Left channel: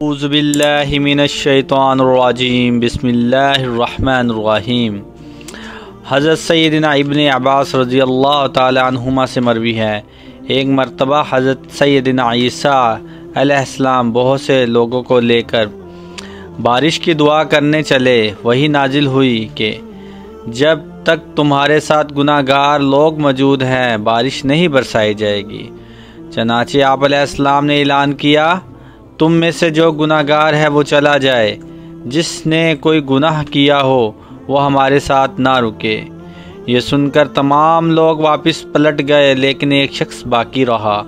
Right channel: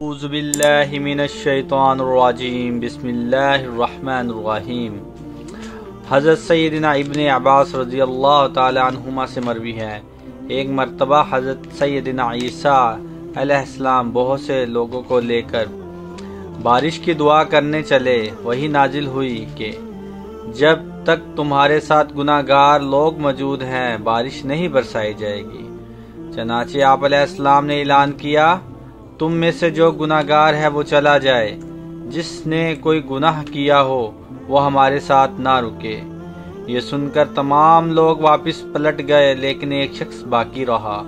اعوذ باللہ من الشیطان الرجیم بسم اللہ الرحمن الرحیم۔ حضرت سیدنا ابن عباس رضی اللہ تعالی عنہما سے مروی ہے، ایک مرتبہ حضرت سیدنا عیسیٰ علیہ السلام بہت سے لوگوں کو لے کر بارش کی دعا کرنے چلے۔ وہی نازل ہوئی کہ جب تک تمہارے ساتھ گناہ گار لوگ موجود ہیں بارش نہیں برسائی جائے گی۔ چنانچہ آپ علیہ السلام نے اعلان کیا، تم میں سے جو گناہ گار ہے وہ چلا جائے، جس نے کوئی گناہ کیا ہو وہ ہمارے ساتھ نہ رکے۔ یہ سن کر تمام لوگ واپس پلٹ گئے، لیکن ایک شخص باقی رہا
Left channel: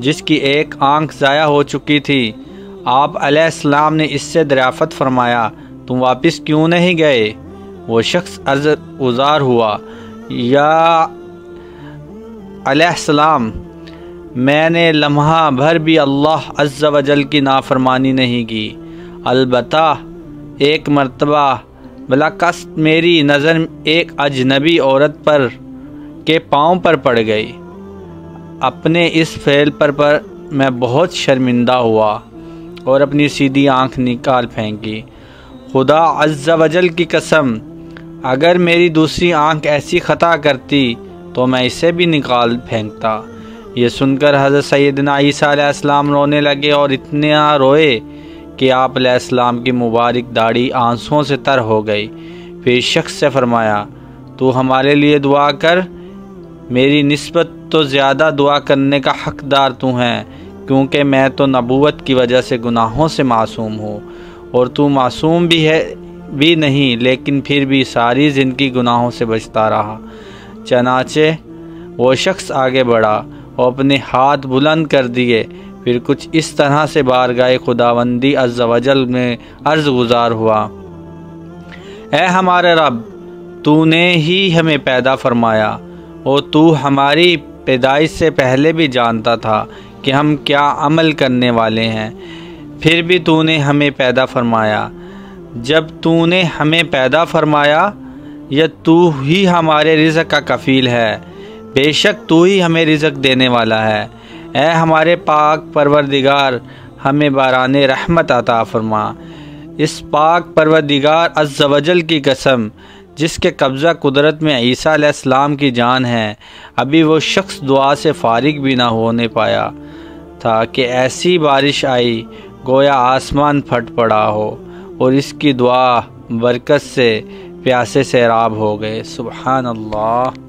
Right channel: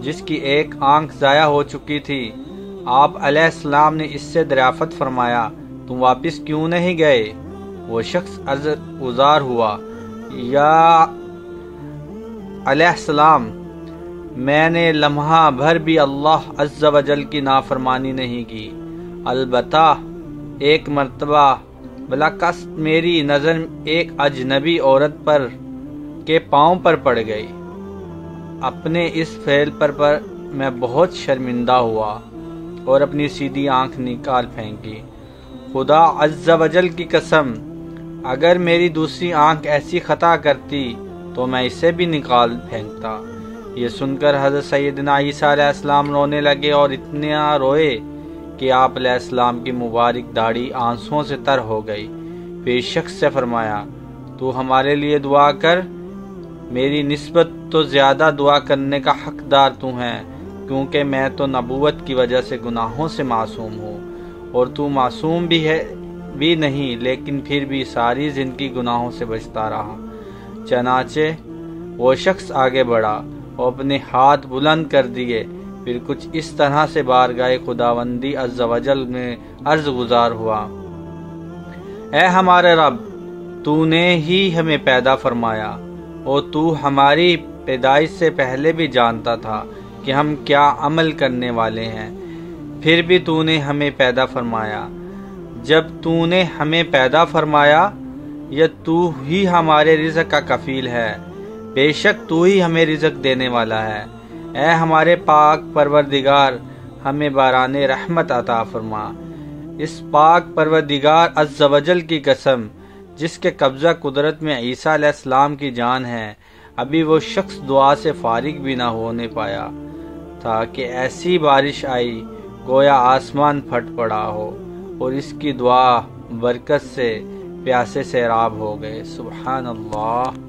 جس کی ایک آنکھ ضائع ہو چکی تھی۔ آپ علیہ السلام نے اس سے دریافت فرمایا، تم واپس کیوں نہیں گئے؟ وہ شخص عذر ہوا، یا علیہ السلام، میں نے لمحہ بھر بھی اللہ عز و جل کی نافرمانی نہیں کی، البتہ ایک مرتبہ بلاقصد میری نظر ایک اجنبی عورت پر کے پاؤں پر پڑ گئی۔ اپنے اس فعل پر میں بہت شرمندہ ہوا اور اپنی سیدھی آنکھ نکال پھینکی۔ خدا عز و جل کی قسم، اگر میری دوسری آنکھ ایسی خطا کرتی تو میں اسے بھی نکال پھینکتا۔ یہ سن کر حضرت سیدنا عیسیٰ علیہ السلام رونے لگے اور اتنا روئے کہ آپ علیہ السلام کی مبارک داڑھی آنسوؤں سے تر ہو گئی۔ پھر شخص سے فرمایا، تو ہمارے لیے دعا کر، میری نسبت تو زیادہ دعا کرنے کا حقدار تو ہے، کیونکہ میں تو نبوت کی وجہ سے گناہوں سے معصوم ہوں، اور تو معصوم بھی نہیں، لیکن پھر بھی ساری زندگی گناہوں سے بچتا رہا۔ چنانچہ وہ شخص آگے بڑھا اور اپنے ہاتھ بلند کر دیے، پھر کچھ اس طرح سے بارگاہ خداوندی عز و جل میں عرض گزار ہوا، اے ہمارے رب، تو نے ہی ہمیں پیدا فرمایا، اور تو ہماری پیدائش سے پہلے بھی جانتا تھا کہ ہم کیا عمل کرنے والے ہیں، پھر بھی تو نے ہمیں پیدا فرمایا۔ جب تو نے ہمیں پیدا فرمایا، یا تو ہی ہمارے رزق کا کفیل ہے، بے شک تو ہی ہمیں رزق دینے والا ہے۔ اے ہمارے پاک پروردگار، ہمیں باران رحمت عطا فرما۔ اس پاک پروردگار عز و جل کی قسم، جس کے قبضہ قدرت میں عیسیٰ علیہ السلام کی جان ہے، ابھی وہ شخص دعا سے فارغ بھی نہ ہونے پایا تھا کہ ایسی بارش آئی گویا آسمان پھٹ پڑا ہو، اور اس کی دعا برکت سے پیاسے سیراب ہو گئے۔ سبحان اللہ۔